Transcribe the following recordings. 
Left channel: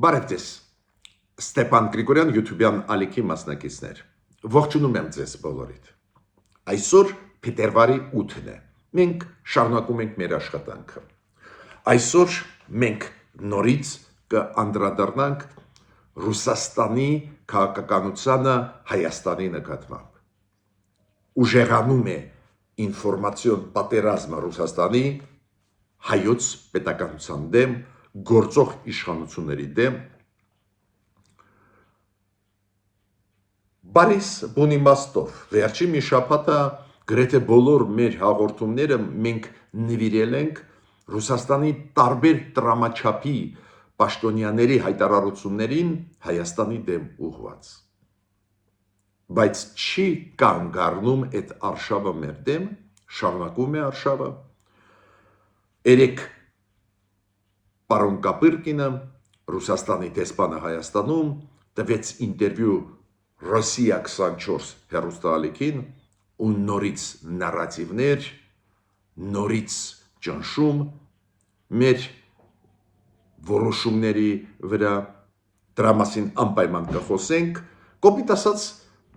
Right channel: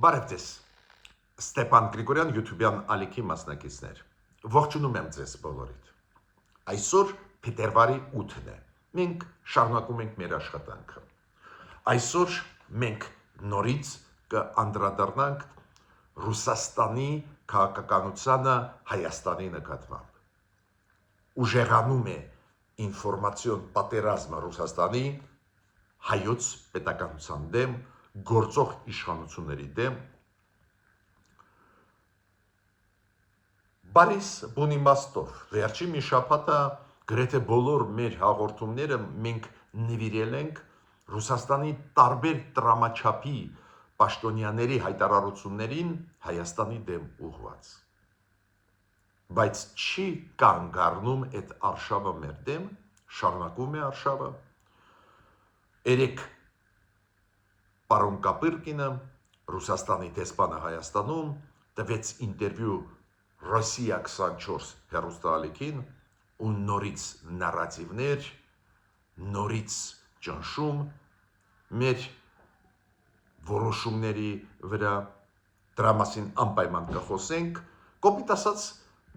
Բարև ձեզ, Ստեփան Գրիգորյան YouTube-յան ալիքի մասնակիցներ, ողջունում եմ ձեզ բոլորիդ, այսօր փետրվարի 8-ն է, մենք շարունակում ենք մեր աշխատանքը, այսօր մենք նորից կանդրադառնանք Ռուսաստանի քաղաքականությանը Հայաստանի նկատմամբ, ուժեղանում է ինֆորմացիոն պատերազմը Ռուսաստանի հայոց պետականության դեմ, գործող իշխանությունների դեմ, բարիս բուն իմաստով, վերջի մի շաբաթը գրեթե բոլոր մեր հաղորդումները մենք նվիրել ենք Ռուսաստանի տարբեր տրամաչափի պաշտոնյաների հայտարարություններին Հայաստանի դեմ ուղղված, բայց չի կանգ առնում այդ արշավը մեր դեմ, շարունակում է արշավը, երեք Պարոն Կապիրկինը, Ռուսաստանի դեսպանը Հայաստանում, տվեց ինտերվյու Ռոսիա 24 հեռուստաալիքին ու նորից նարատիվներ, նորից ճնշում մեր որոշումների վրա, դրա մասին անպայման կխոսենք, կոպիտ ասած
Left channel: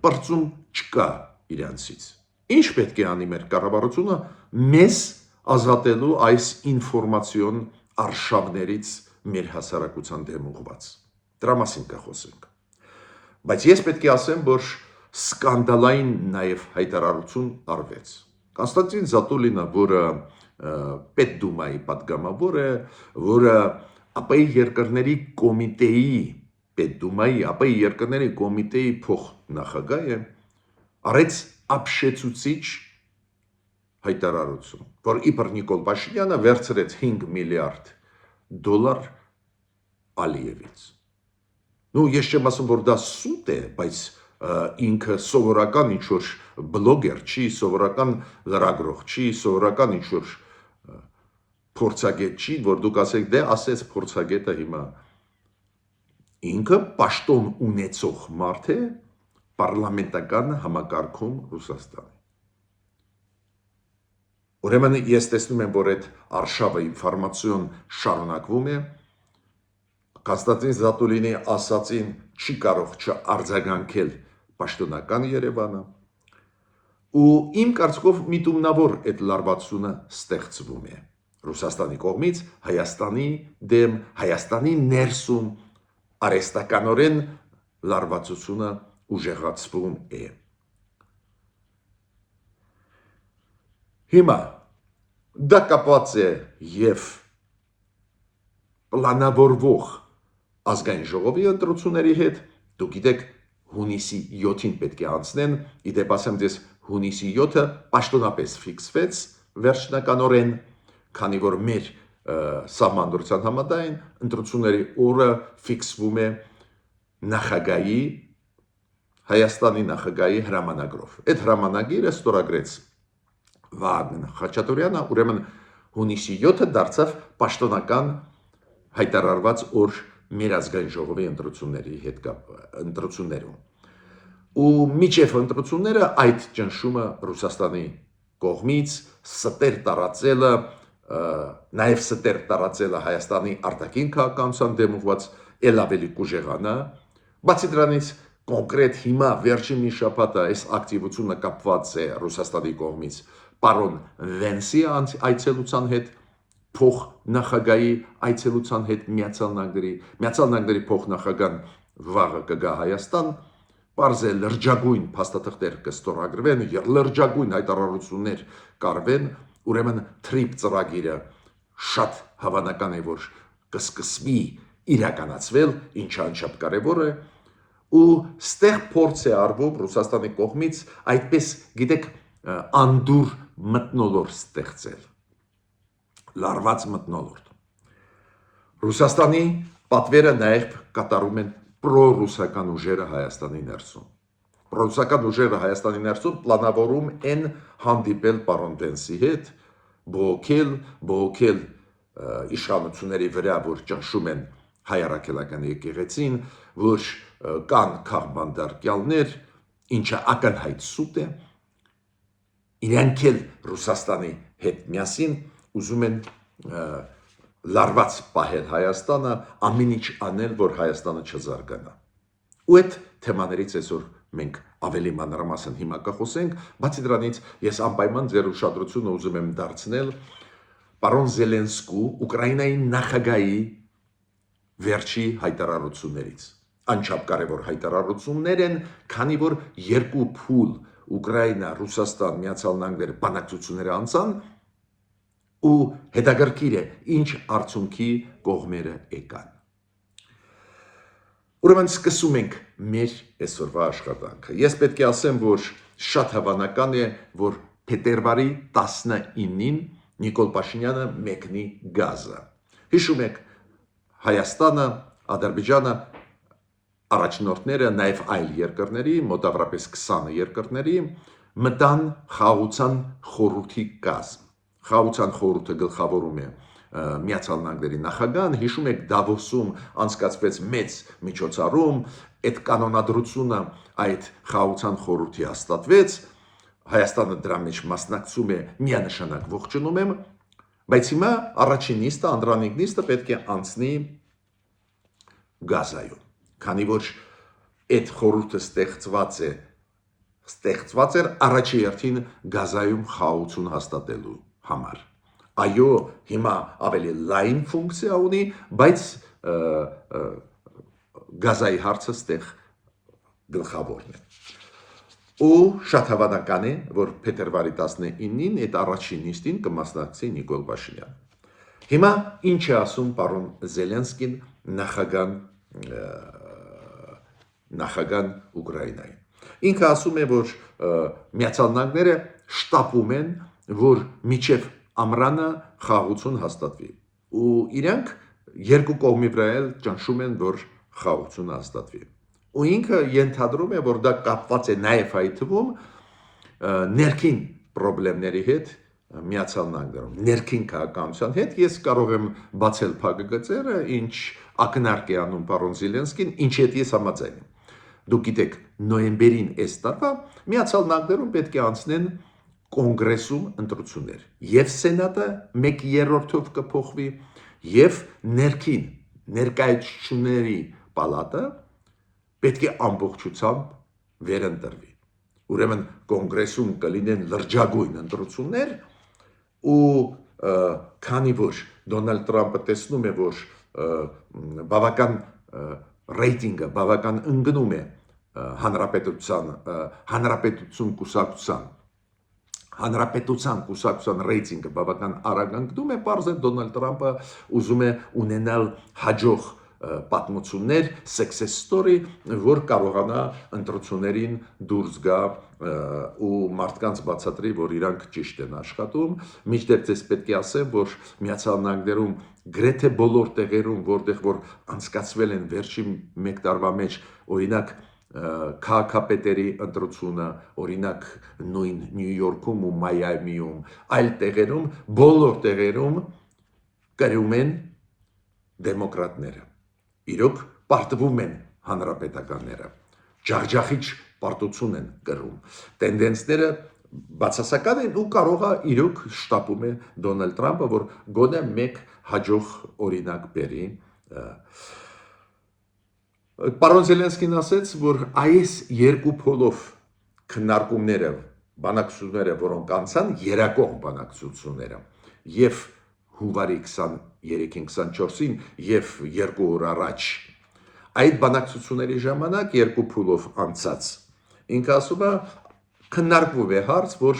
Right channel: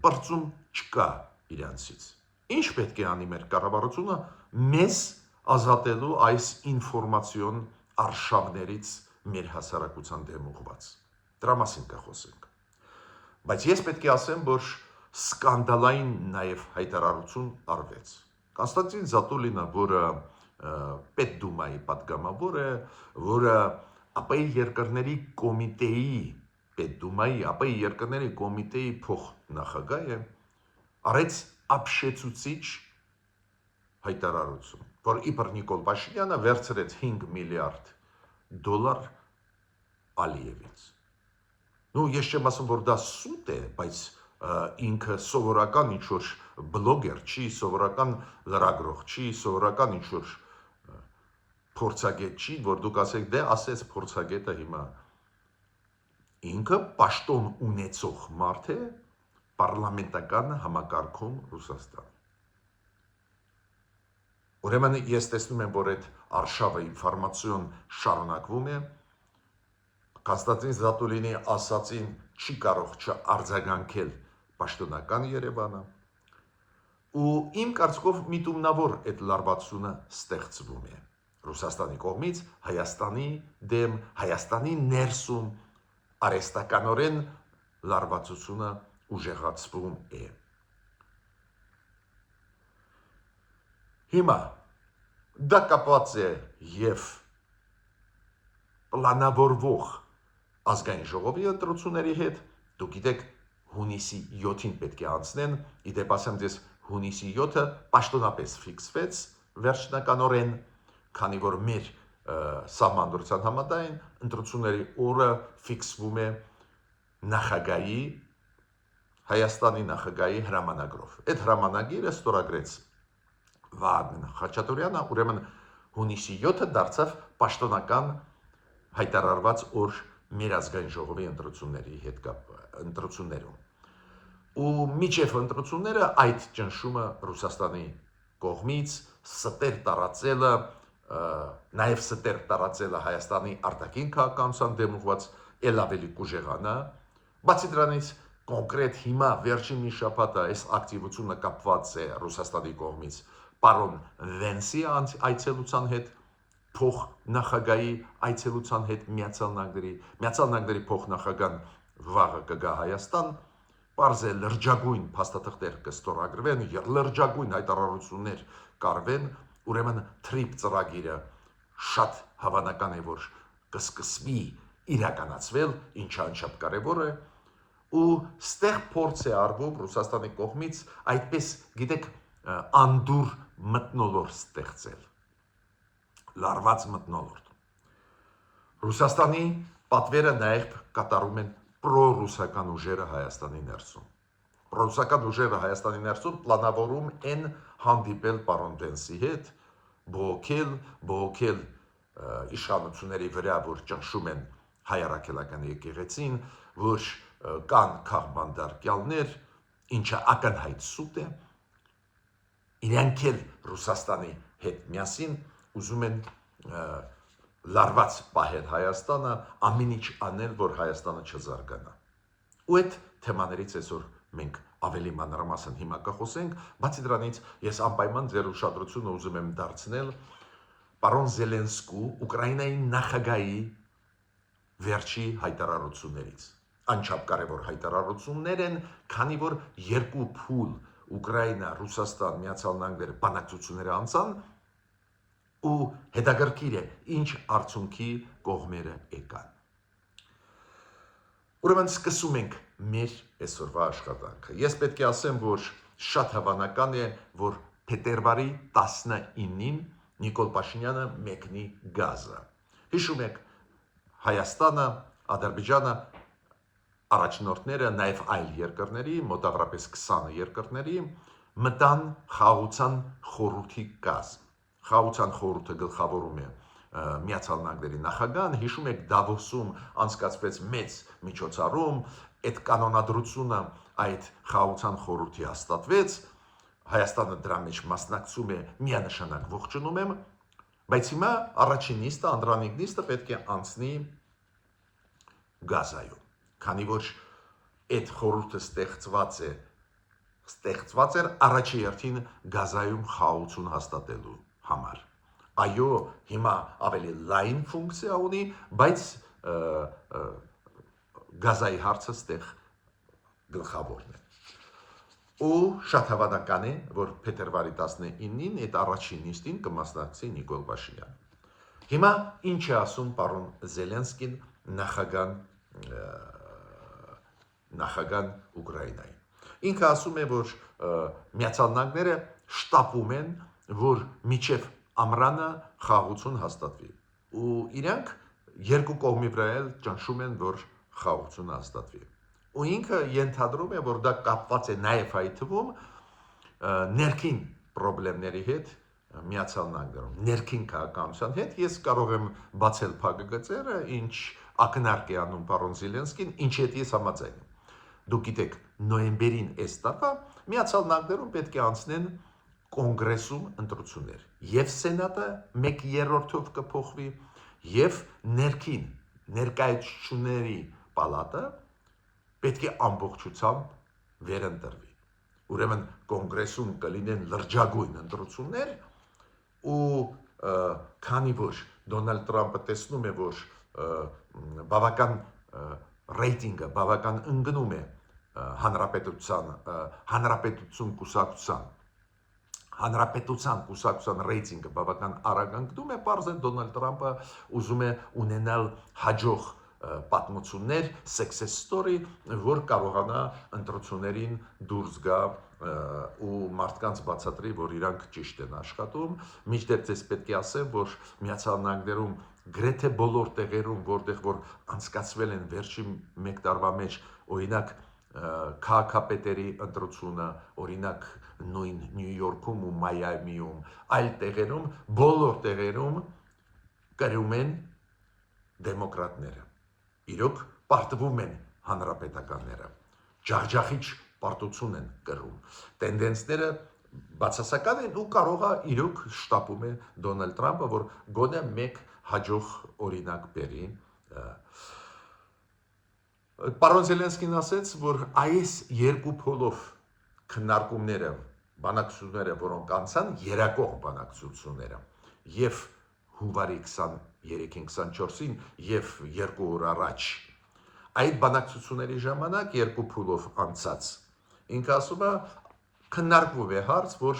պրծում չկա իրանցից։ Ինչ պետք է անի մեր կառավարությունը մեզ ազատելու այս ինֆորմացիոն արշավներից մեր հասարակության դեմ ուղղված։ Դրա մասին կխոսենք։ Բայց ես պետք է ասեմ, որ սկանդալային նաև հայտարարություն արվեց։ Կոնստանտին Զատուլինը, որը Պետդումայի պատգամավոր է, որը ԱՊ երկրների կոմիտեի Պետդումայի, ԱՊ երկրների կոմիտեի փոխնախագահ է, արեց ապշեցուցիչ հայտարարություն, որ իբր Նիկոլ Փաշինյանը վերցրեց $5 միլիարդ Ալիևից։ Ես չեմ ասում, որ դա սուտ է, բայց ինքը սովորական ինչ-որ բլոգեր չի, սովորական լրագրող չի, սովորական ինչ-որ փորձագետ չի, որ դուք ասեք, դե ասեց փորձագետը հիմա։ Ինքը պաշտոն ունեցող մարդ է պարլամենտական համակարգում Ռուսաստանի։ Ուրեմն ես տեսնում եմ, որ այդ արշավը ինֆորմացիոն շարունակվում է, Կոնստանտին Զատուլինի ասածին չի կարող չարձագանքել պաշտոնական Երևանը, ու իմ կարծիքով միտումնավոր այդ լարվածությունը ստեղծվում է Ռուսաստանի կողմից Հայաստանի դեմ, Հայաստանի ներսում արհեստականորեն լարվածությունը ուժեղացվում է։ Հիմա դա կապված է և պլանավորվող ազգային ժողովի ընտրությունների հետ, դուք գիտեք հունիսի 7-ին պետք է անցնեն, իդեպ ասեմ ձեզ հունիսի 7-ը պաշտոնապես ֆիքսվեց վերջնականորեն, քանի որ մեր սահմանադրության համաձայն ընտրությունների օրը ֆիքսվում է նախագահի, Հայաստանի նախագահի հրամանագրով։ Այդ հրամանագիրը ստորագրեց Վահագն Խաչատուրյանը, ուրեմն հունիսի 7-ը դարձավ պաշտոնական հայտարարված օր մեր ազգային ժողովի ընտրություններում։ Ու միջև ընտրությունները այդ ճնշումը Ռուսաստանի կողմից ստեր տարածելը, նաև ստեր տարածելը Հայաստանի արտաքին քաղաքականության դեմ ուղղված էլ ավելի կուժեղանա, բացի դրանից կոնկրետ հիմա վերջին մի շաբաթ այս ակտիվությունը կապված է Ռուսաստանի կողմից պարոն Վենսի այցելության հետ, փոխնախագահի այցելության հետ Միացյալ Նահանգների փոխնախագահան վաղը կգա Հայաստան, պարզ է լրջագույն փաստաթղթեր կստորագրվեն, լրջագույն հայտարարություններ կարվեն, ուրեմն TRIP ծրագիրը շատ հավանական է, որ կսկսվի իրականացվել, ինչը անչափ կարևոր է, ու ստեղ փորձ է արվում Ռուսաստանի կողմից այդպես, գիտեք, անդուր մթնոլորտ ստեղծել, լարված մթնոլորտ։ Ռուսաստանի պատվերը նաև կատարում են պրոռուսական ուժերը Հայաստանի ներսում։ Պրոռուսական ուժերը Հայաստանի ներսում պլանավորում են հանդիպել պարոն Վենսի հետ, բողոքել իշխանությունների վրա, որ ճնշում են հայ առաքելական եկեղեցին, որ կան քաղբանդարկյալներ, ինչը ակնհայտ սուտ է, իրանք էլ Ռուսաստանի հետ միասին ուզում են լարված պահել Հայաստանը, ամեն ինչ անել, որ Հայաստանը չզարգանա։ Ու այդ թեմաներից այսօր մենք ավելի մանրամասն հիմա կխոսենք, բացի դրանից ես անպայման ձեր ուշադրությունը ուզում եմ դարձնել պարոն Զելենսկու Ուկրաինայի նախագահի վերջի հայտարարություններից։ Անչափ կարևոր հայտարարություններ են, քանի որ երկու փուլ Ուկրաինա, Ռուսաստան, Միացյալ Նահանգներ բանակցությունները անցան ու հետաքրքիր է ինչ արդյունքի կողմերը եկան։ Ուրեմն սկսում ենք մեր այսօրվա աշխատանքը։ Ես պետք է ասեմ, որ շատ հավանական է, որ փետրվարի 19-ին Նիկոլ Փաշինյանը մեկնի Գազա։ Հիշում եք, Հայաստանը, Ադրբեջանը առաջնորդները, նաև այլ երկրների, մոտավորապես 20 երկրների մտան խաղաղության խորհրդի կազմ։ Խաղաղության խորհուրդը գլխավորում է Միացյալ Նահանգների նախագահան, հիշում եք Դավոսում անցկացվեց մեծ միջոցառում, այդ կանոնադրությունը այդ խաղաղության խորհրդի հաստատվեց, Հայաստանը դրա մեջ մասնակցում է, միանշանակ ողջունում եմ, բայց հիմա առաջին նիստը, անդրանիկ նիստը պետք է անցնի Գազայում, քանի որ այդ խորհուրդը ստեղծված էր առաջի հերթին Գազայում խաղաղություն հաստատելու համար։ Այո, հիմա ավելի լայն ֆունկցիա ունի, բայց Գազայի հարցը ստեղ գլխավորն է։ Ու շատ հավանական է, որ փետրվարի 19-ին այդ առաջին նիստին կմասնակցի Նիկոլ Փաշինյանը։ Հիմա ինչ է ասում պարոն Զելենսկին նախագահ Ուկրաինայի։ Ինքը ասում է, որ Միացյալ Նահանգները շտապում են, որ մինչև ամռանը խաղաղություն հաստատվի։ Ու իրանք երկու կողմի վրա էլ ճնշում են, որ խաղաղությունը հաստատվի։ Ու ինքը ենթադրում է, որ դա կապված է նաև այդ թվում ներքին խնդիրների հետ Միացյալ Նահանգներում, ներքին քաղաքականության հետ։ Ես կարող եմ բացել փակագծերը, ինչ ակնարկ է անում պարոն Զելենսկին, ինչի հետ ես համաձայն եմ։ Դուք գիտեք, նոյեմբերին այս տարվա Միացյալ Նահանգներում պետք է անցնեն կոնգրեսում ընտրություններ։ Եվ սենատը 1/3-ով կփոխվի, եւ ներկայացուցիչների պալատը պետք է ամբողջությամբ վերընտրվի։ Ուրեմն կոնգրեսում կլինեն լրջագույն ընտրություններ ու քանի որ Դոնալդ Թրամփը տեսնում է, որ բավական ռեյտինգը բավական ընկնում է հանրապետության կուսակցության ռեյտինգը բավական արագ ընկնում է, պարզ է Դոնալդ Թրամփը ուզում է ունենալ հաջող պատմություններ, success story, որ կարողանա ընտրություններին դուրս գա ու մարդկանց բացատրի, որ իրանք ճիշտ են աշխատում։ Մինչդեռ ես պետք է ասեմ, որ Միացյալ Նահանգներում գրեթե բոլոր տեղերում, որտեղ որ անցկացվել են վերջին 1 տարվա մեջ, օրինակ քաղաքապետերի ընտրությունը, օրինակ նույն Նյու Յորքում ու Մայամիում, այլ տեղերում, բոլոր տեղերում կրում են դեմոկրատները։ Իրոք պարտվում են հանրապետականները, ջախջախիչ պարտություն են կրում։ Տենդենսները բացասական են ու կարող է իրոք շտապում է Դոնալդ Թրամփը, որ գոնե մեկ հաջող օրինակ բերի։ Պարոն Զելենսկին ասաց, որ այս երկու փոլով քննարկումները, բանակցությունները, որոնք անցան, երակողմ բանակցությունները, եւ հունվարի 23-ին 24-ին եւ 2 օր առաջ այդ բանակցությունների ժամանակ երկու փուլով անցած ինքը ասում է քննարկվում է հարց, որ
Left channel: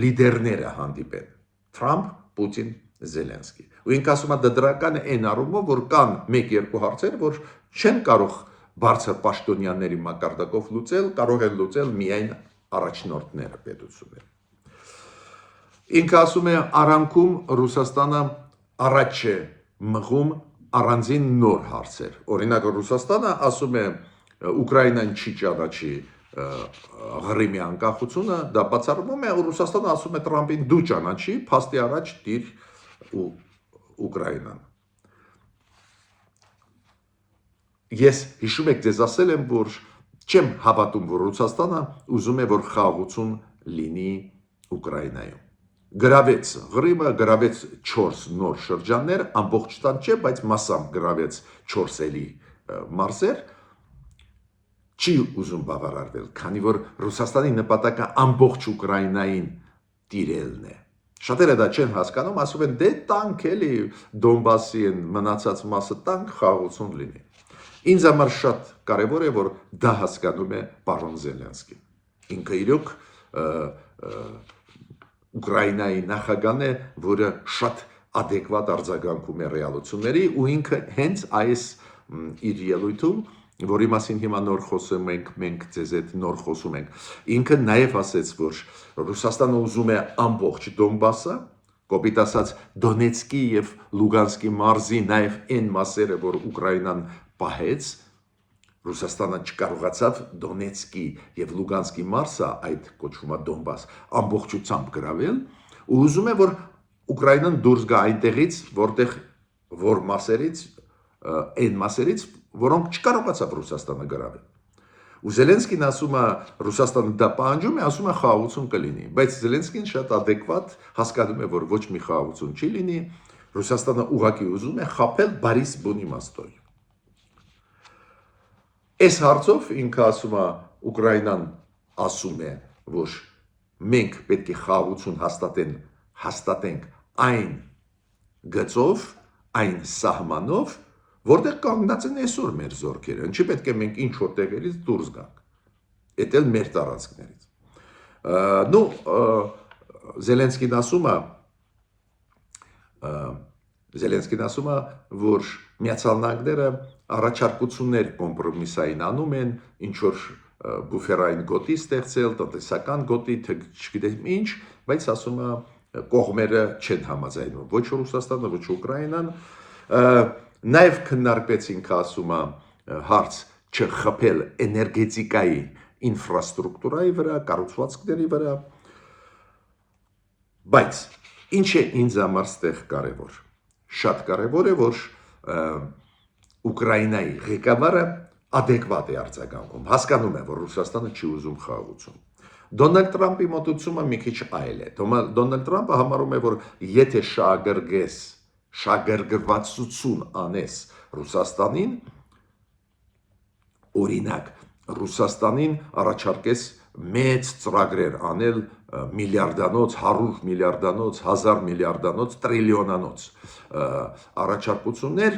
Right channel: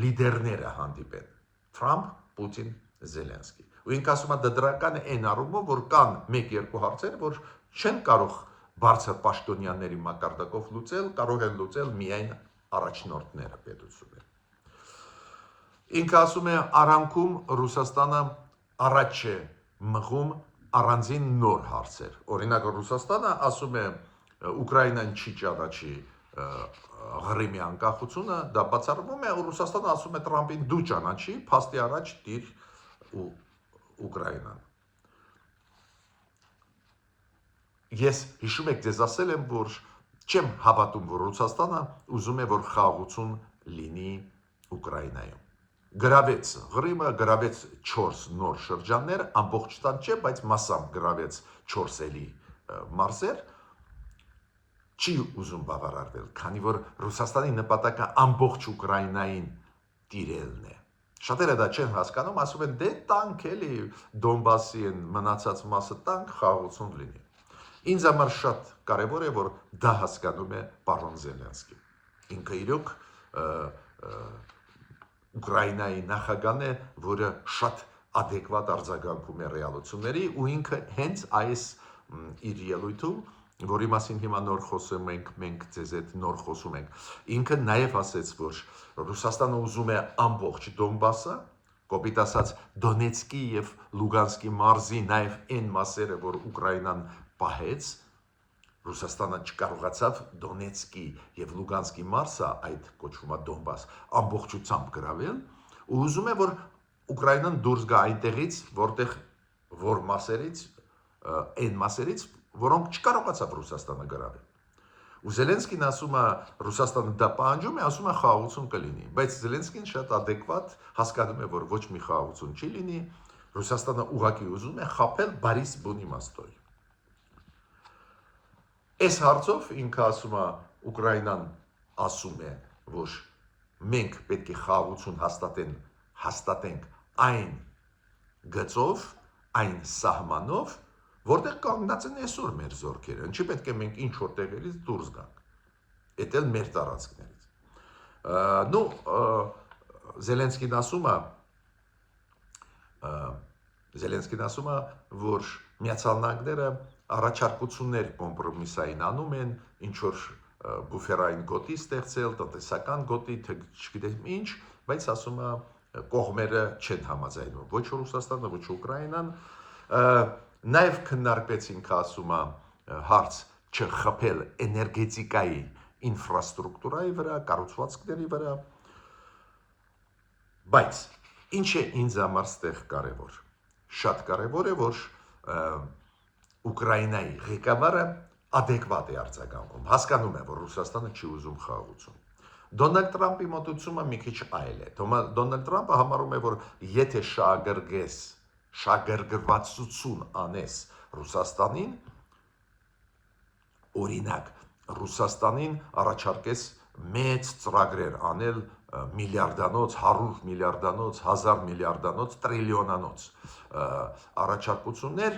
լիդերները հանդիպեն Թրամփ, Պուտին, Զելենսկի։ Ու ինքը ասում է դա դրական է այն առումով, որ կան 1-2 հարցեր, որ չեն կարող բարձր պաշտոնյաների մակարդակով լուծել, կարող են լուծել միայն առաջնորդները պետությունները։ Ինքը ասում է արանքում Ռուսաստանը առաջ է մղում առանձին նոր հարցեր։ Օրինակ Ռուսաստանը ասում է Ուկրաինան չի ճանաչի Ղրիմի անկախությունը, դա բացառվում է, Ռուսաստանը ասում է Թրամփին դու ճանաչի, փաստի առաջ դիր Ուկրաինան։ Ես հիշում եք ձեզ ասել եմ, որ չեմ հավատում, որ Ռուսաստանը ուզում է, որ խաղաղություն լինի Ուկրաինայում։ գրավեց Ղրիմը, գրավեց 4 նոր շրջաններ, ամբողջ տան չէ, բայց մասամբ գրավեց 4 էլի մարզեր, չի ուզում բավարարվել, քանի որ Ռուսաստանի նպատակը ամբողջ Ուկրաինային տիրելն է։ Շատերը դա չեն հասկանում, ասում են դե տանք էլի Դոնբասի են մնացած մասը տանք խաղաղություն լինի։ Ինձ համար շատ կարևոր է, որ դա հասկանում է պարոն Զելենսկին։ Ինքը իրոք Ուկրաինայի նախագահն է, որը շատ adekvat արձագանքում է ռեալությունների ու ինքը հենց այս իր ելույթում, որի մասին հիմա նոր խոսում ենք, մենք ձեզ հետ նոր խոսում ենք, ինքը նաև ասեց, որ Ռուսաստանը ուզում է ամբողջ Դոնբասը, կոպիտ ասած Դոնեցկի եւ Լուգանսկի մարզի նաև այն մասերը, որ Ուկրաինան պահեց, Ռուսաստանը չկարողացավ Դոնեցկի եւ Լուգանսկի մարզը, այդ կոչվում է Դոնբաս, ամբողջությամբ գրավել, ու ուզում է, որ Ուկրաինան դուրս գա այնտեղից, որտեղ որ մասերից, այն մասերից, որոնք չկարողացավ Ռուսաստանը գրավել։ Ու Զելենսկին ասում է, Ռուսաստանը դա պահանջում է, ասում է խաղաղություն կլինի, բայց Զելենսկին շատ adekvat հասկանում է, որ ոչ մի խաղաղություն չի լինի, Ռուսաստանը ուղղակի ուզում է խաբել Բարիս-Բոնի մաստոյ։ Այս հարցով ինքը ասում է, Ուկրաինան ասում է, որ մենք պետք է խաղաղություն հաստատենք այն գծով, այն սահմանով, որտեղ կանգնած են այսօր մեր զորքերը, ինչի պետք է մենք ինչ որ տեղերից դուրս գանք։ Էդ էլ մեր տարածքներից։ Նու Զելենսկին ասում է, որ Միացյալ Նահանգները առաջարկություններ կոմպրոմիսային անում են, ինչ որ բուֆերային գոտի ստեղծել, տնտեսական գոտի, թե չգիտեմ ինչ, բայց ասում է կողմերը չեն համաձայնում, ոչ Ռուսաստանը, ոչ Ուկրաինան, նաև քննարկվեցինք, ասում է, հարց չխփել էներգետիկայի ինֆրաստրուկտուրայի վրա, կառուցվածքների վրա, բայց ինչ է ինձ համար ստեղ կարևոր, շատ կարևոր է, որ Ուկրաինայի ղեկավարը adekvat է արձագանքում, հասկանում է, որ Ռուսաստանը չի ուզում խաղաղություն։ Դոնալդ Տրամպի մոտեցումը մի քիչ այլ է։ Դոնալդ Տրամպը համարում է, որ եթե շահագրգռվածություն անես Ռուսաստանին, օրինակ Ռուսաստանին առաջարկես մեծ ծրագրեր անել միլիարդանոց, 100 միլիարդանոց, 1000 միլիարդանոց, տրիլիոնանոց առաջարկություններ,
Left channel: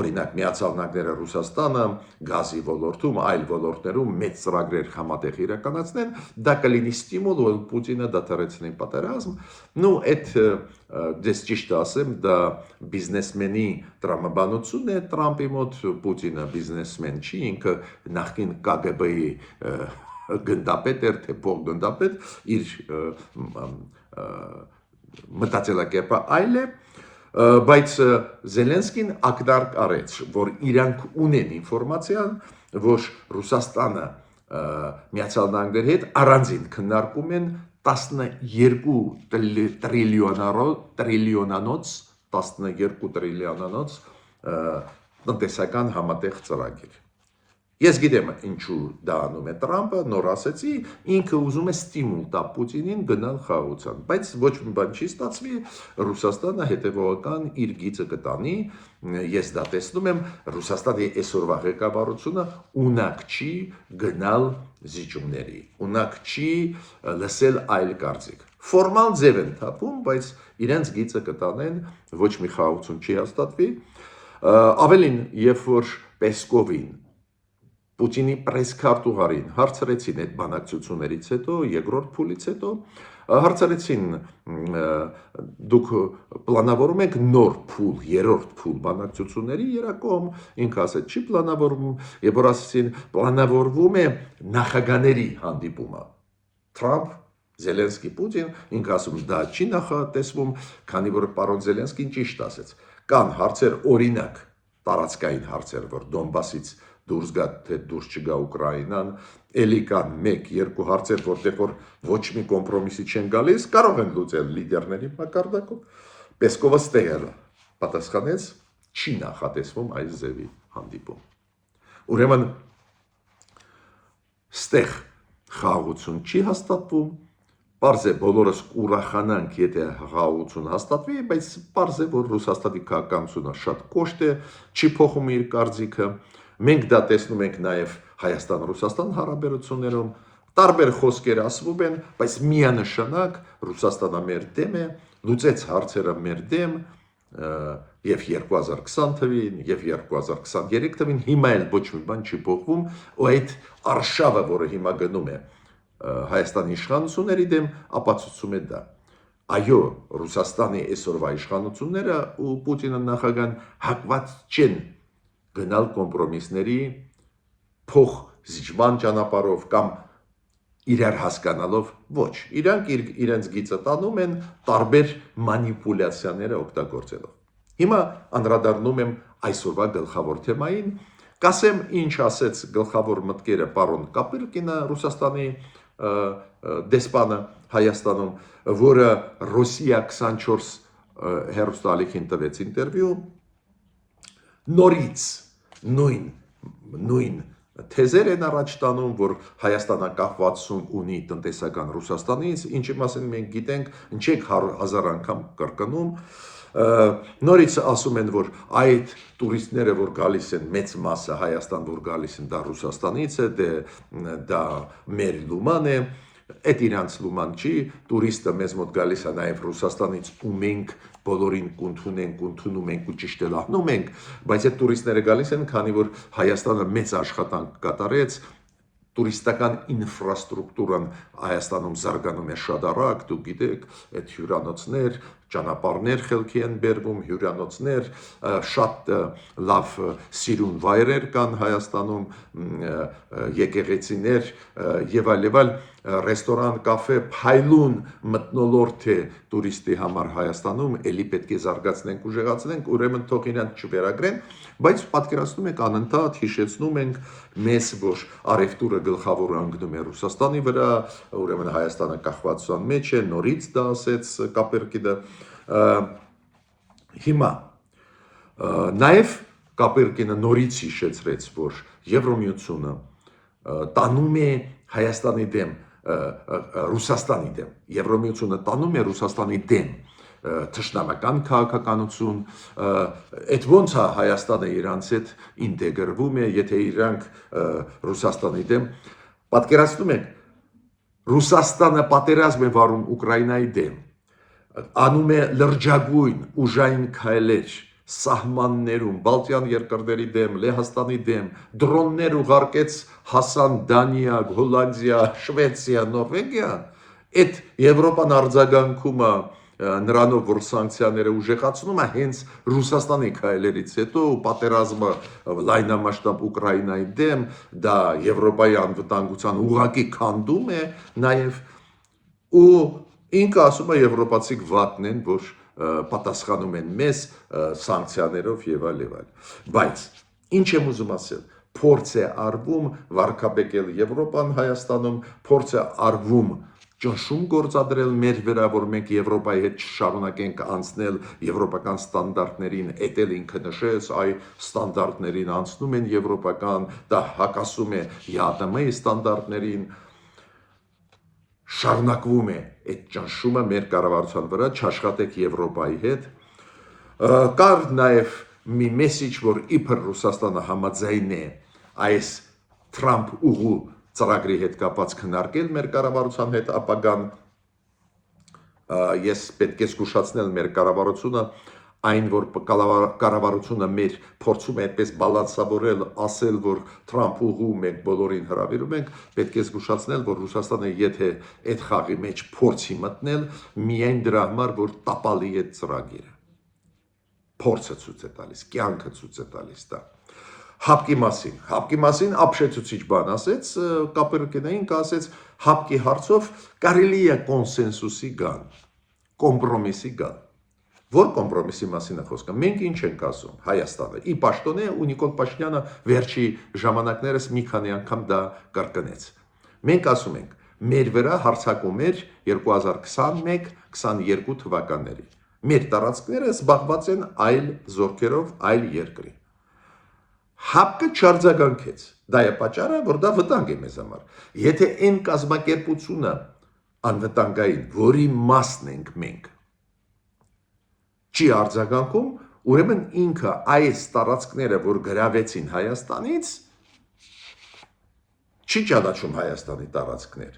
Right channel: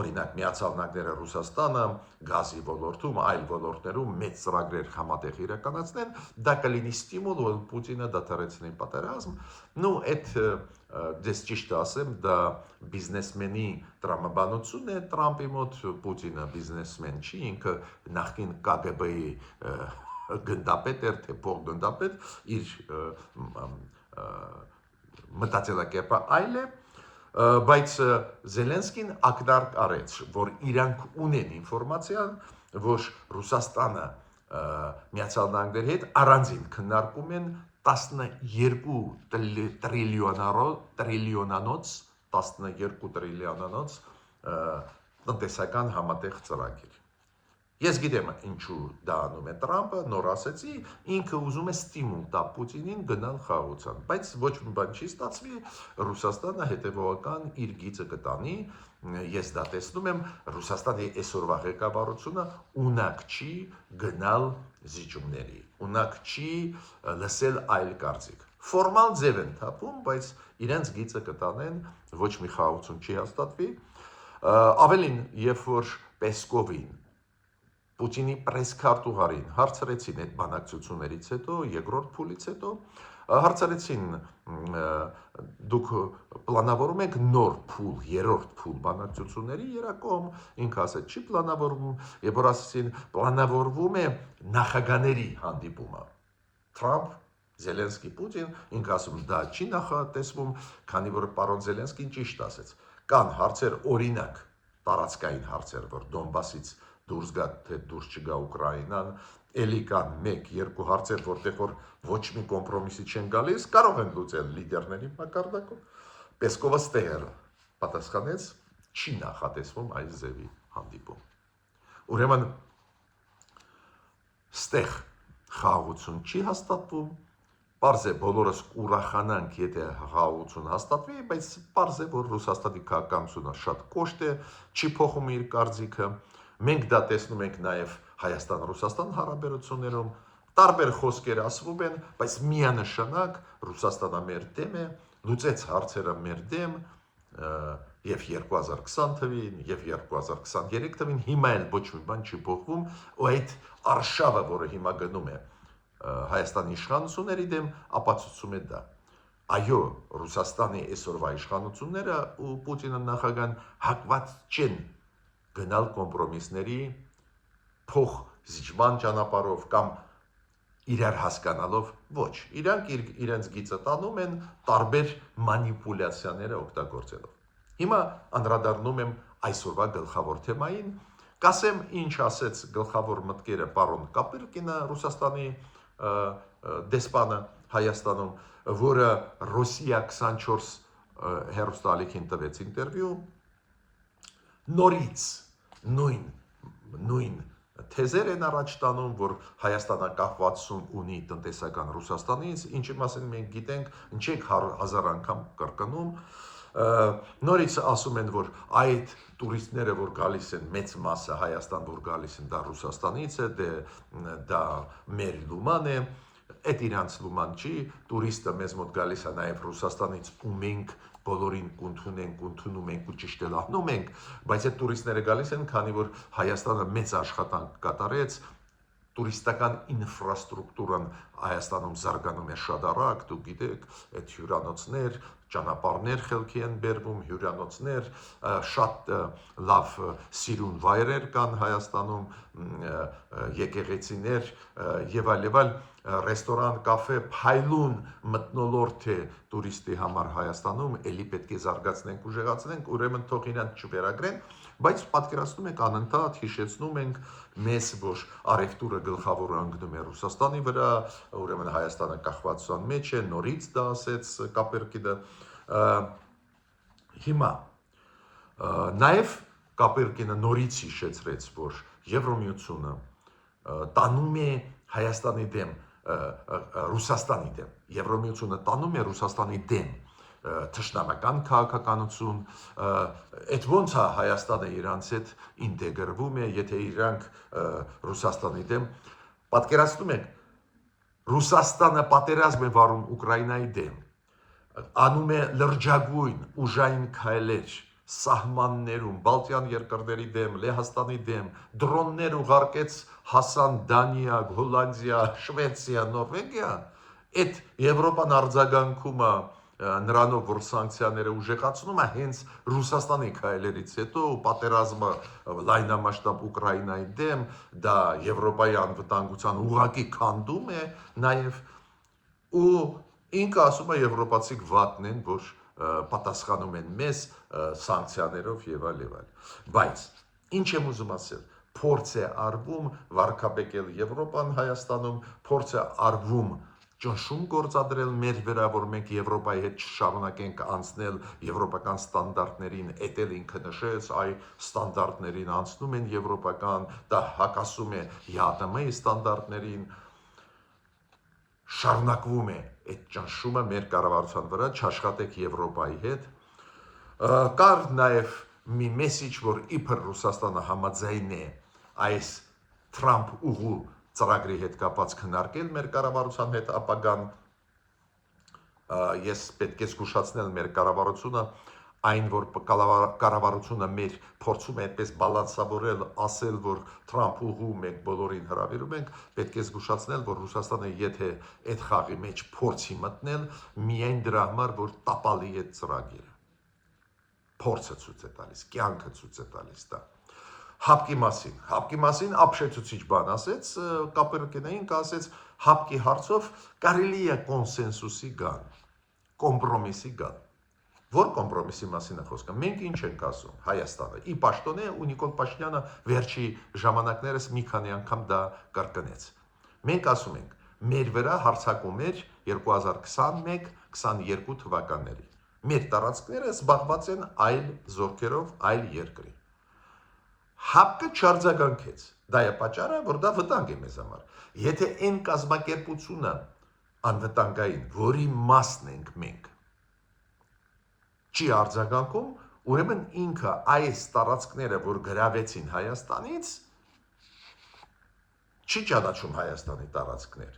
օրինակ Միացյալ Նահանգները Ռուսաստանը գազի ոլորտում, այլ ոլորտներում մեծ ծրագրեր համատեղ իրականացնեն, դա կլինի ստիմուլ, որ Պուտինը դադարեցնի պատերազմ, նու այդ դες ճիշտ ասեմ, դա բիզնեսմենի տրամաբանություն է Տրամպի մոտ, Պուտինը բիզնեսմեն չի, ինքը նախկին KGB-ի գնդապետ էր, թե փոխգնդապետ, իր մտածելակերպը այլ է, բայց Զելենսկին ակնարկ արեց, որ իրանք ունեն ինֆորմացիան, որ Ռուսաստանը Միացյալ Նահանգների հետ առանձին քննարկում են 12 տրիլիոնանոց տնտեսական համատեղ ծրագիր։ Ես գիտեմ ինչու դա անում է Տրամպը, նոր ասեցի, ինքը ուզում է ստիմուլ տա Պուտինին գնալ խաղաղության, բայց ոչ մի բան չի ստացվի, Ռուսաստանը հետևողական իր գիծը կտանի, ես դա տեսնում եմ, Ռուսաստանի այսօրվա ղեկավարությունը ունակ չի գնալ զիջումների, ունակ չի լսել այլ կարծիք։ Ֆորմալ ձև են թափում, բայց իրենց գիծը կտանեն, ոչ մի խաղաղություն չի հաստատվի, ավելին, երբ որ Պեսկովին Պուտինի պրեսքարտուղարին հարցրեցին այդ բանակցություններից հետո, երկրորդ փուլից հետո, հարցրեցին դուք պլանավորում եք նոր փուլ, երրորդ փուլ բանակցությունների երակողմ, ինքը ասեց չի պլանավորվում, երբ որ ասեցին պլանավորվում է նախագաների հանդիպումը, Թրամփ, Զելենսկի, Պուտին, ինքը ասում դա չի նախատեսվում, քանի որ պարոն Զելենսկին ճիշտ ասեց, կան հարցեր օրինակ, տարածքային հարցեր, որ Դոնբասից դուրս գա, թե դուրս չգա Ուկրաինան, էլի կան 1-2 հարցեր, որտեղ որ ոչ մի կոմպրոմիսի չեն գալիս, կարող են լուծել լիդերների մակարդակով։ Պեսկովը ստեղ պատասխանեց, չի նախատեսվում այս ձևի հանդիպում։ Ուրեմն ստեղ խաղաղություն չի հաստատվում, Պարզ է բոլորս կուրախանանք, եթե խաղաղություն հաստատվի, բայց պարզ է, որ Ռուսաստանի քաղաքականությունը շատ կոշտ է, չի փոխում իր կարծիքը։ Մենք դա տեսնում ենք նաև Հայաստան-Ռուսաստան հարաբերություններում, տարբեր խոսքեր ասվում են, բայց միանշանակ Ռուսաստանը մեր դեմ է, լուծեց հարցերը մեր դեմ, եւ 2020 թվին, եւ 2023 թվին, հիմա էլ ոչ մի բան չի փոխվում, ու այդ արշավը, որը հիմա գնում է Հայաստանի իշխանությունների դեմ, ապացուցում է դա։ Այո, Ռուսաստանի այսօրվա իշխանությունները ու Պուտինը նախագահան հակված չեն գնալ կոմպրոմիսների փոխ զիջման ճանապարհով կամ իրար հասկանալով ոչ, իրանք իրենց գիծը տանում են տարբեր մանիպուլյացիաները օգտագործելով։ Հիմա անդրադառնում եմ այսօրվա գլխավոր թեմային, կասեմ ինչ ասեց գլխավոր մտքերը պարոն Կապրկինը, Ռուսաստանի դեսպանը Հայաստանում, որը Ռոսիա 24 հեռուստաալիքին տվեց ինտերվյու, նորից նույն թեզեր են առաջ տանում, որ Հայաստանը կախվածություն ունի տնտեսական Ռուսաստանից, ինչի մասին մենք գիտենք, չենք 1000 անգամ կրկնում, նորից ասում են, որ այդ տուրիստները, որ գալիս են, մեծ մասը Հայաստան, որ գալիս են, դա Ռուսաստանից է, դա մեր լուման է, այդ իրանց լուման չի, տուրիստը մեզ մոտ գալիս է նաև Ռուսաստանից ու մենք բոլորին ընդունում ենք ու ճիշտ էլ անում ենք, բայց այդ տուրիստները գալիս են, քանի որ Հայաստանը մեծ աշխատանք կատարեց, տուրիստական ինֆրաստրուկտուրան Հայաստանում զարգանում է շատ արագ, դուք գիտեք, այդ հյուրանոցներ, ճանապարհներ խելքի են բերվում, հյուրանոցներ, շատ լավ սիրուն վայրեր կան Հայաստանում, եկեղեցիներ եւ այլ, ռեստորան, կաֆե, փայլուն մթնոլորտ է տուրիստի համար Հայաստանում, էլի պետք է զարգացնենք, ուժեղացնենք, ուրեմն թող իրանք չվերագրեն, բայց պատկերացնում եք անընդհատ հիշեցնում ենք մեզ, որ արևտուրը գլխավոր անգնում է Ռուսաստանի վրա, ուրեմն Հայաստանը կախվածության մեջ է, նորից դա ասեց Կապերկինը, հիմա նաև Կապերկինը նորից հիշեցրեց, որ Եվրամիությունը տանում է Հայաստանի դեմ, Ռուսաստանի դեմ, Եվրամիությունը տանում է Ռուսաստանի դեմ թշնամական քաղաքականություն, այդ ոնց է Հայաստանը իրանց հետ ինտեգրվում է, եթե իրանք Ռուսաստանի դեմ, պատկերացնում եք, Ռուսաստանը պատերազմ է վարում Ուկրաինայի դեմ, անում է լրջագույն ուժային քայլեր սահմաններում, Բալտյան երկրների դեմ, Լեհաստանի դեմ, դրոններ ուղարկեց հասան Դանիա, Հոլանդիա, Շվեդիա, Նորվեգիա, այդ Եվրոպան արձագանքում է նրանով, որ սանկցիաները ուժեղացնում է հենց Ռուսաստանի քայլերից հետո պատերազմը լայնամասշտաբ Ուկրաինայի դեմ, դա Եվրոպայի անվտանգության ուղղակի քանդում է նաև ու ինքը ասում է եվրոպացիք վատն են, որ պատասխանում են մեզ սանկցիաներով եւ այլ, բայց ինչ եմ ուզում ասել, փորձ է արվում վարկաբեկել Եվրոպան Հայաստանում, փորձ է արվում ճնշում գործադրել մեր վրա, որ մենք Եվրոպայի հետ շարունակենք անցնել եվրոպական ստանդարտներին, էտել ինքը նշեց, այ ստանդարտներին անցնում են եվրոպական, դա հակասում է ԵԱՏՄ-ի ստանդարտներին, շարունակվում է այդ ճնշումը մեր կառավարության վրա, չաշխատեք Եվրոպայի հետ, կար նաև մի մեսիջ, որ իբր Ռուսաստանը համաձայն է այս Թրամփ ուղու ծրագրի հետ կապած քննարկել մեր կառավարության հետ ապագան, ես պետք է զգուշացնել մեր կառավարությունը, այն որ կառավարությունը մեր փորձում է այդպես բալանսավորել, ասել, որ Թրամփ ուղու մենք բոլորին հրավիրում ենք, պետք է զգուշացնել, որ Ռուսաստանը եթե այդ խաղի մեջ փորձի մտնել, միայն դրա համար, որ տապալի այդ ծրագիրը, փորձը ցույց է տալիս, կյանքը ցույց է տալիս դա։ Հապկի մասին ապշեցուցիչ բան ասեց, Կապերկինային ասեց, հապկի հարցով կարելի է կոնսենսուսի գան, կոմպրոմիսի գան։ Որ կոմպրոմիսի մասին է խոսքը, մենք ինչ ենք ասում, Հայաստանը, ի պաշտոնե ու Նիկոլ Փաշինյանը վերջի ժամանակներս մի քանի անգամ դա կրկնեց։ Մենք ասում ենք, մեր վրա հարձակում էր 2021-22 թվականների։ Մեր տարածքները զբաղված են այլ զորքերով, այլ երկրի։ Հապկը չարձագանքեց, դա է պատճառը, որ դա վտանգ է մեզ համար։ Եթե այն կազմակերպությունը անվտանգային, որի մասն ենք մենք, չի արձագանքում, ուրեմն ինքը այս տարածքները, որ գրավեցին Հայաստանից, չի ճանաչում Հայաստանի տարածքներ։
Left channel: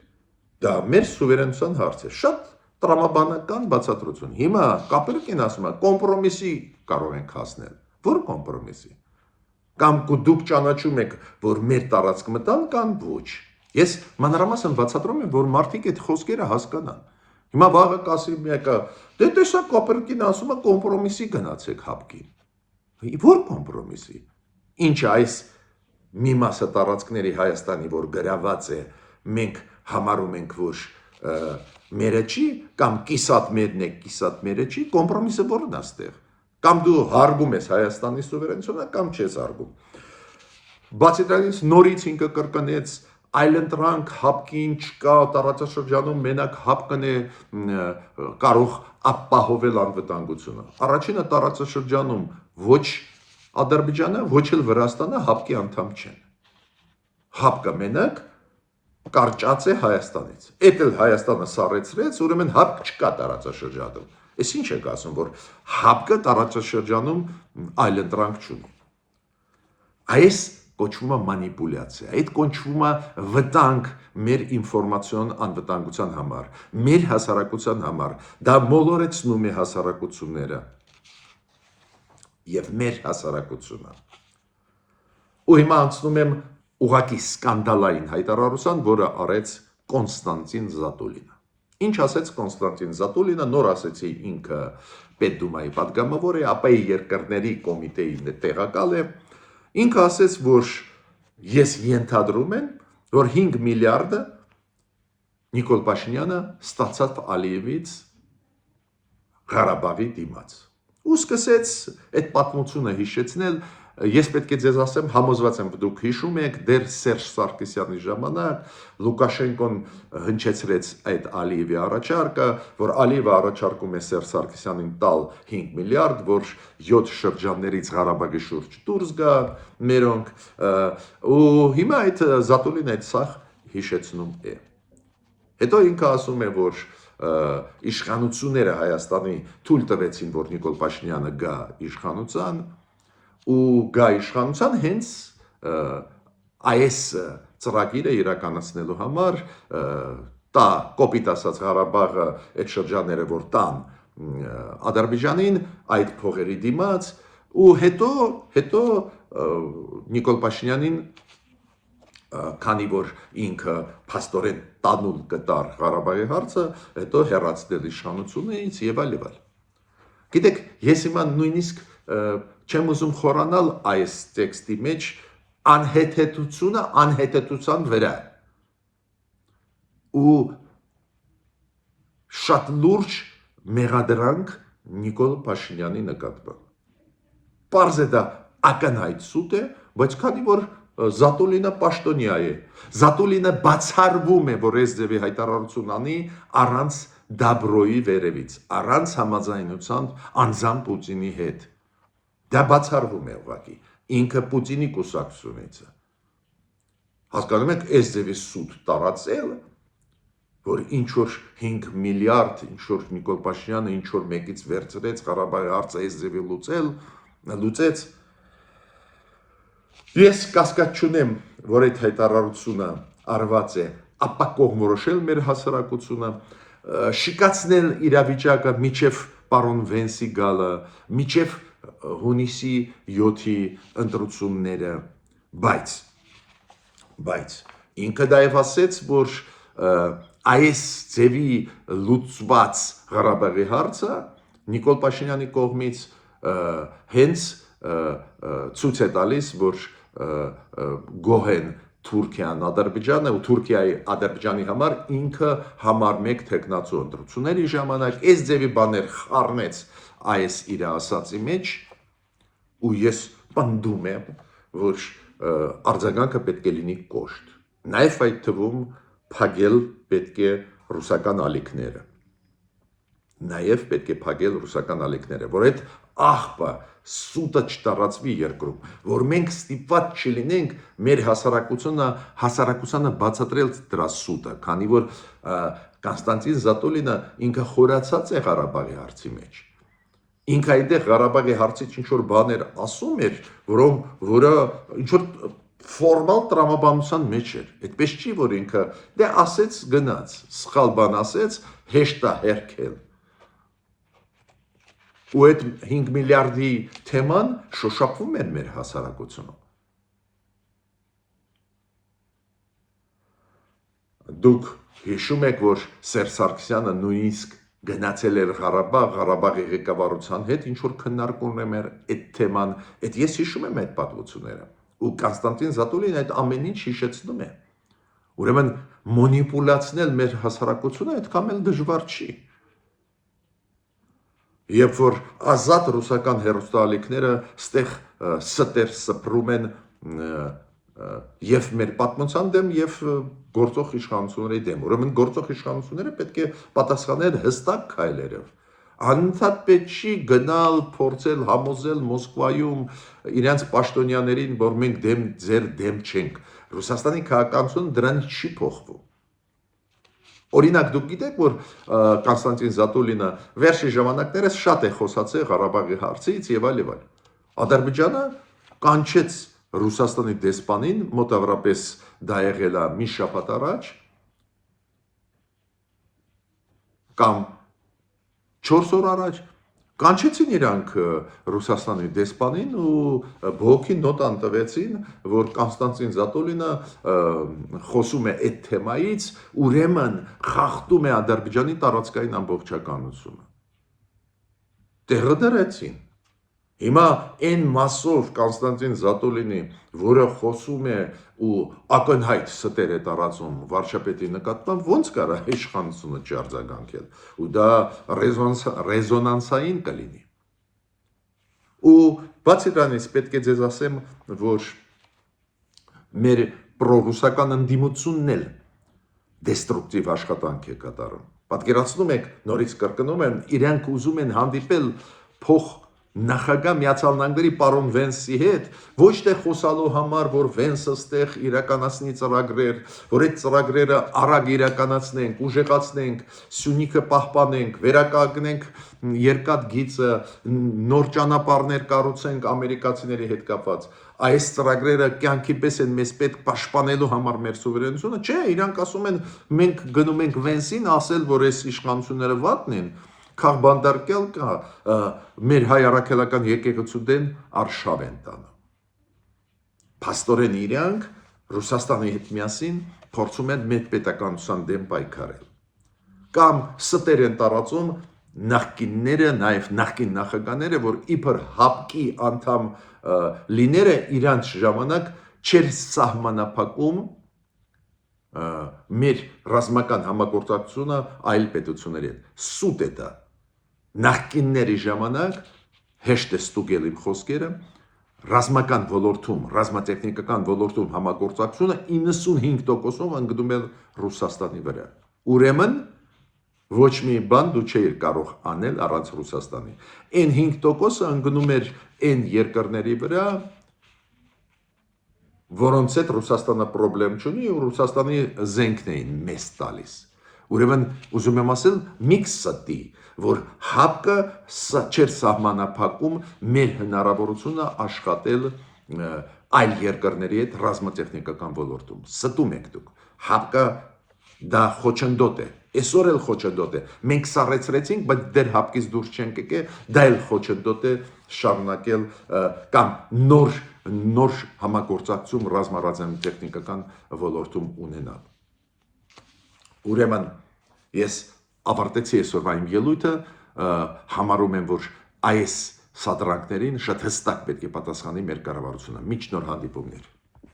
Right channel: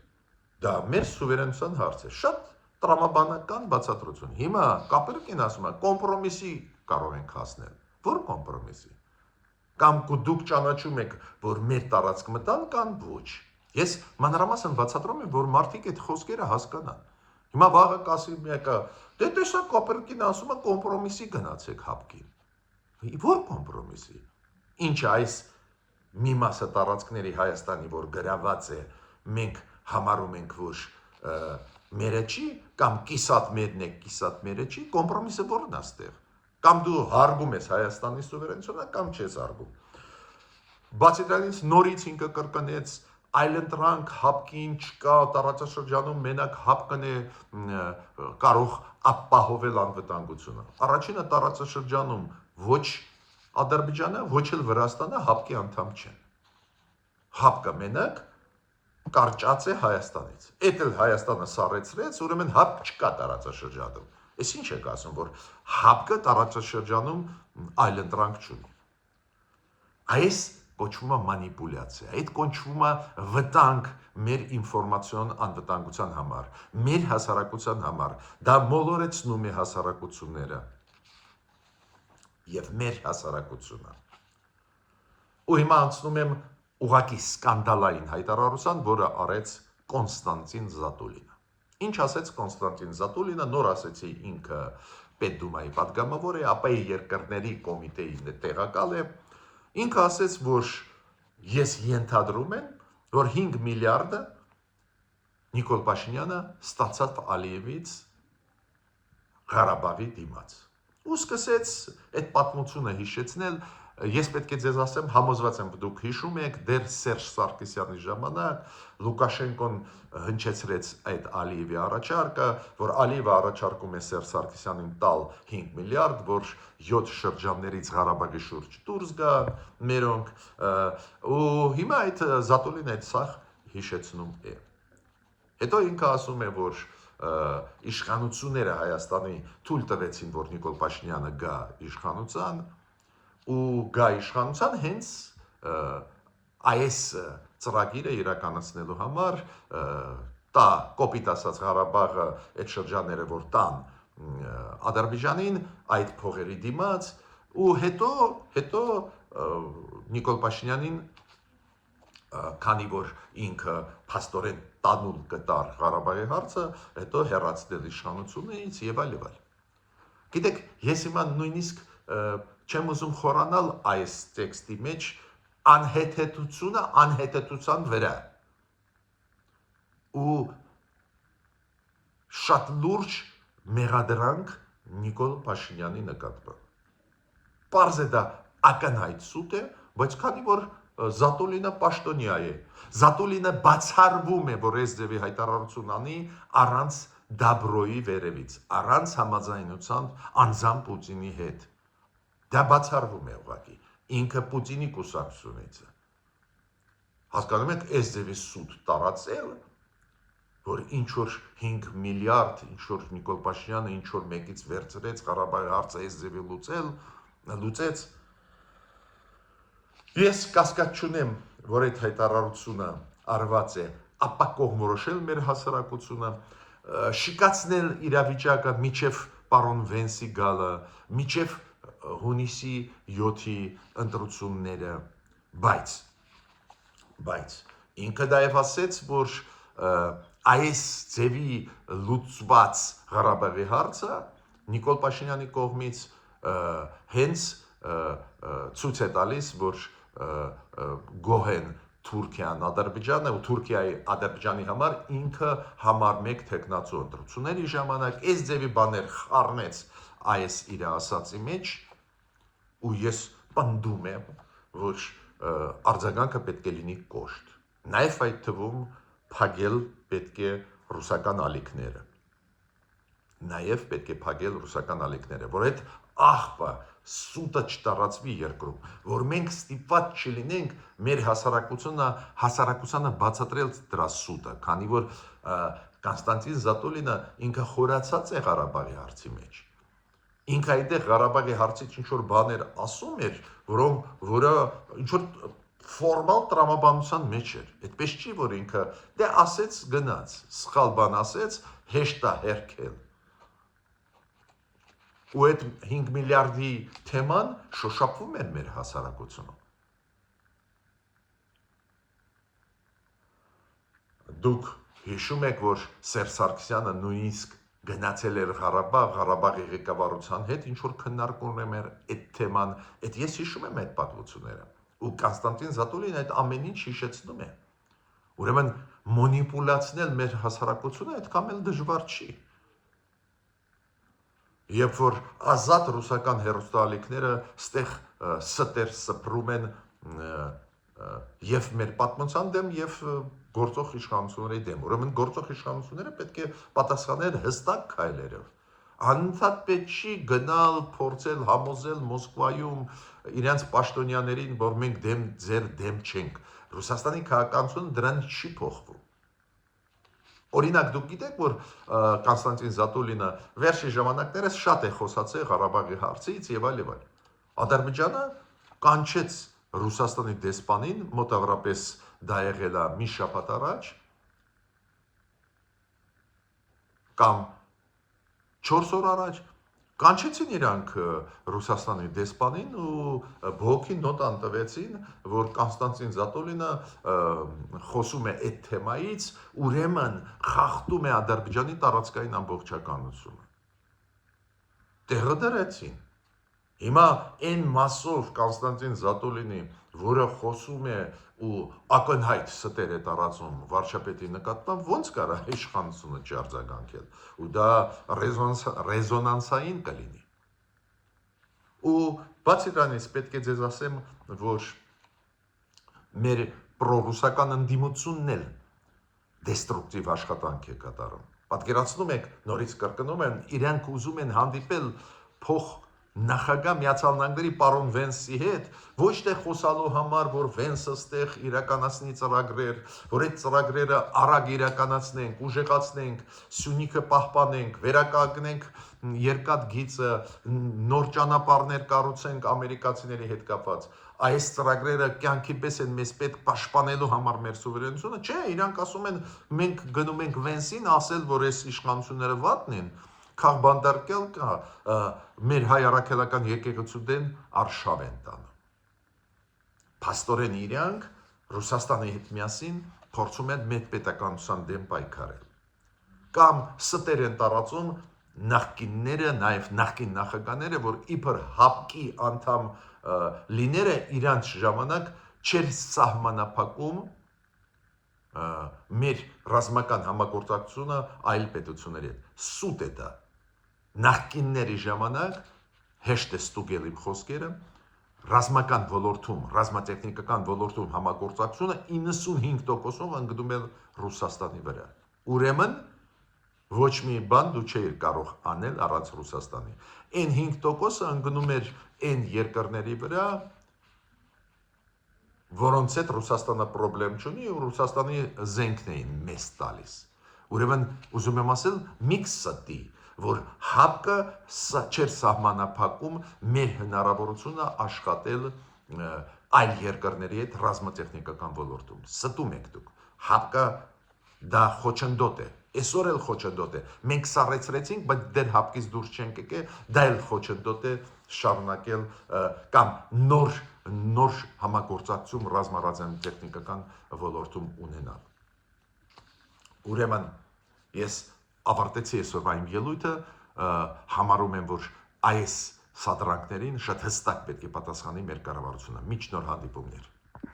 Դա մեր սուվերենության հարց է։ Շատ տրամաբանական բացատրություն։ Հիմա Կապերկին ասում է, կոմպրոմիսի կարող ենք հասնել։ Որ կոմպրոմիսի։ Կամ դուք ճանաչում եք, որ մեր տարածք մտան կամ ոչ։ Ես մանրամասն բացատրում եմ, որ մարդիկ այդ խոսքերը հասկանան։ Հիմա վաղը կասի մեկը, դե տեսա Կապերկին ասում է կոմպրոմիսի գնացեք հապկին։ Որ կոմպրոմիսի։ Ինչ այս մի մասը տարածքների Հայաստանի, որ գրաված է, մենք համարում ենք, որ մերը չի, կամ կիսատ մերն է, կիսատ մերը չի, կոմպրոմիսը որն է ստեղ։ Կամ դու հարգում ես Հայաստանի սուվերենությունը, կամ չես հարգում։ Բացի դրանից նորից ինքը կրկնեց այլընտրանք հապկին չկա տարածաշրջանում մենակ հապկն է կարող ապահովել անվտանգությունը։ Առաջինը տարածաշրջանում ոչ Ադրբեջանը, ոչ էլ Վրաստանը հապկի անդամ չեն։ Հապկը մենակ կարճած է Հայաստանից։ Էդ էլ Հայաստանը սառեցրեց, ուրեմն հապկ չկա տարածաշրջանում։ Էս ինչ եք ասում, որ հապկը տարածաշրջանում այլընտրանք չունի։ Այս կոչվում է մանիպուլյացիա, այդ կոչվում է վտանգ մեր ինֆորմացիոն անվտանգության համար, մեր հասարակության համար, դա մոլորեցնում է հասարակությունները եւ մեր հասարակությունը։ Ու հիմա անցնում եմ ուղղակի սկանդալային հայտարարության, որը արեց Կոնստանտին Զատուլինը։ Ինչ ասեց Կոնստանտին Զատուլինը, նոր ասեցի ինքը Պետդումայի պատգամավոր է, ԱՊ-ի երկրների կոմիտեի տեղակալ է։ Ինքը ասեց, որ ես ենթադրում եմ, որ 5 միլիարդը Նիկոլ Փաշինյանը ստացավ Ալիևից Ղարաբաղի դիմաց։ Ու սկսեց այդ պատմությունը հիշեցնել, ես պետք է ձեզ ասեմ, համոզված եմ, դուք հիշում եք, դեռ Սերժ Սարգսյանի ժամանակ Լուկաշենկոն հնչեցրեց այդ Ալիևի առաջարկը, որ Ալիևը առաջարկում է Սերժ Սարգսյանին տալ 5 միլիարդ, որ 7 շրջաններից Ղարաբաղի շուրջ դուրս գա մերոնք, ու հիմա այդ Զատուլին այդ սախ հիշեցնում է։ Հետո ինքը ասում է, որ իշխանությունները Հայաստանի թույլ տվեցին, որ Նիկոլ Փաշինյանը գա իշխանության, ու գա իշխանության հենց այս ծրագիրը իրականացնելու համար տա կոպիտ ասած Ղարաբաղը այդ շրջանները որ տան Ադրբեջանին այդ փողերի դիմաց ու հետո Նիկոլ Փաշինյանին քանի որ ինքը փաստորեն տանուլ կտար Ղարաբաղի հարցը, հետո հեռացնել իշխանությունից եւ այլ եւ այլ։ Գիտեք, ես հիմա նույնիսկ չեմ ուզում խորանալ այս տեքստի մեջ անհեթեթությունը անհեթեթության վրա ու շատ լուրջ մեղադրանք Նիկոլ Փաշինյանի նկատմամբ։ Պարզ է դա ակնհայտ սուտ է, բայց քանի որ Զատուլինը պաշտոնյա է, Զատուլինը բացառվում է, որ այս ձևի հայտարարություն անի առանց Դաբրոյի վերևից, առանց համաձայնության անձամբ Պուտինի հետ։ Դա բացառվում է ուղղակի, ինքը Պուտինի կուսակցությունից է։ Հասկանում եք, այս ձևի սուտ տարածել, որ ինչ որ 5 միլիարդ, ինչ որ Նիկոլ Փաշինյանը ինչ որ մեկից վերցրեց Ղարաբաղի հարցը այս ձևի լուծեց։ Ես կասկած չունեմ, որ այդ հայտարարությունը արված է ապակողմորոշել մեր հասարակությունը, շիկացնել իրավիճակը միջև պարոն Վենսի գալը, միջև հունիսի 7-ի ընտրությունները, բայց ինքը դայև ասեց, որ այս ձևի լուծված Ղարաբաղի հարցը Նիկոլ Փաշինյանի կողմից հենց ցույց է տալիս, որ գոհեն Թուրքիան, Ադրբեջանը ու Թուրքիայի Ադրբեջանի համար ինքը համար 1 թեկնածու ընտրությունների ժամանակ այս ձևի բաներ խառնեց այս իր ասացի մեջ ու ես պնդում եմ, որ արձագանքը պետք է լինի կոշտ։ Նաև այդ թվում փակել պետք է ռուսական ալիքները։ Նաև պետք է փակել ռուսական ալիքները, որ այդ աղբը սուտը չտարածվի երկրում, որ մենք ստիպված չլինենք մեր հասարակությանը բացատրել դրա սուտը, քանի որ Կոնստանտին Զատոլինը ինքը խորացած է Ղարաբաղի հարցի մեջ։ Ինքը այդտեղ Ղարաբաղի հարցից ինչ-որ բաներ ասում էր, որը ինչ-որ ֆորմալ տրամաբանության մեջ էր։ Այդպես չի, որ ինքը դե ասեց գնաց, սխալ բան ասեց, հեշտ է հերքել։ Ու այդ 5 միլիարդի թեման շոշափվում էր մեր հասարակությունում։ Դուք հիշում եք, որ Սերժ Սարգսյանը նույնիսկ գնացել էր Ղարաբաղի ղեկավարության հետ, ինչ որ քննարկում էր այդ թեման, այդ ես հիշում եմ այդ պատմությունները։ Ու Կոնստանտին Զատոլին այդ ամեն ինչ հիշեցնում է։ Ուրեմն մանիպուլացնել մեր հասարակությունը այդքան էլ դժվար չի։ Երբ որ ազատ ռուսական հեռուստաալիքները ստեղ ստեր սփռում են եւ մեր պատմության դեմ եւ գործող իշխանությունների դեմ, ուրեմն գործող իշխանությունները պետք է պատասխանել հստակ քայլերով։ Անընդհատ պետք չի գնալ, փորձել համոզել Մոսկվայում իրենց պաշտոնյաներին, որ մենք ձեր դեմ չենք։ Ռուսաստանի քաղաքականությունը դրանից չի փոխվում։ Օրինակ դուք գիտեք, որ Կոնստանտին Զատոլինը վերջի ժամանակներս շատ է խոսացել Ղարաբաղի հարցից եւ այլ եւ այլ։ Ադրբեջանը կանչեց Ռուսաստանի դեսպանին, մոտավորապես դա եղել է մի շաբաթ առաջ կամ 4 օր առաջ, կանչեցին իրանք Ռուսաստանի դեսպանին ու բողոքի նոտան տվեցին, որ Կոնստանտին Զատոլինը խոսում է այդ թեմայից, ուրեմն խախտում է Ադրբեջանի տարածքային ամբողջականությունը։ Տեղը դրեցին։ Հիմա այն մասով Կոնստանտին Զատոլինի, որը խոսում է ու ակնհայտ ստեր է տարածում վարչապետի նկատմամբ, ոնց կարա իշխանությունը արձագանքել, ու դա ռեզոնանսային կլինի։ Ու բացի դրանից պետք է ձեզ ասեմ, որ մեր պրոռուսական ընդդիմությունն էլ դեստրուկտիվ աշխատանք է կատարում։ Պատկերացնում եք, նորից կրկնում եմ, իրենք ուզում են հանդիպել նախագահ Միացյալ Նահանգների պարոն Վենսի հետ, ոչ թե խոսալու համար, որ Վենսը ստեղ իրականացնի ծրագրեր, որ այդ ծրագրերը արագ իրականացնենք, ուժեղացնենք, Սյունիքը պահպանենք, վերականգնենք երկաթ գիծը, նոր ճանապարհներ կառուցենք ամերիկացիների հետ կապված։ Այս ծրագրերը կյանքի պես են մեզ պետք պաշտպանելու համար մեր սուվերենությունը, չէ, իրանք ասում են մենք գնում ենք Վենսին ասել, որ այս իշխանությունները վատն են, քաղբանդարկել կա մեր հայ առաքելական եկեղեցու դեն արշավ են տանում։ Փաստորեն իրանք Ռուսաստանի հետ միասին փորձում են մեր պետականության դեմ պայքարել։ Կամ ստեր են տարածում նախկինները, նաև նախկին նախագահները, որ իբր ՀԱՊԿ-ի անդամ լիները իրանց ժամանակ չեր սահմանափակում մեր ռազմական համագործակցությունը այլ պետությունների հետ։ Սուտ է դա։ Նախկինների ժամանակ հեշտ է ստուգել իմ խոսքերը, ռազմական ոլորտում, ռազմատեխնիկական ոլորտում համագործակցությունը 95%-ով ընկնում է Ռուսաստանի վրա։ Ուրեմն ոչ մի բան դու չէիր կարող անել առանց Ռուսաստանի։ Այն 5%-ը ընկնում էր այն երկրների վրա, որոնց հետ Ռուսաստանը խնդրեմ չունի ու Ռուսաստանի զենքն էին մեզ տալիս։ Ուրեմն ուզում եմ ասել մի կստի, որ ՀԱՊԿ-ը չէր սահմանափակում մեր հնարավորությունը աշխատել այլ երկրների հետ ռազմատեխնիկական ոլորտում։ Ստում եք դուք։ ՀԱՊԿ-ը դա խոչընդոտ է։ Այսօր էլ խոչընդոտ է։ Մենք սառեցրեցինք, բայց դեռ ՀԱՊԿ-ից դուրս չենք եկել, դա էլ խոչընդոտ է շարունակել կամ նոր համագործակցում ռազմատեխնիկական ոլորտում ունենալ։ Ուրեմն ես ավարտեցի այսօրվա իմ ելույթը, համարում եմ, որ այս սադրանքներին շատ հստակ պետք է պատասխանի մեր կառավարությունը։ Մինչ նոր հանդիպումներ։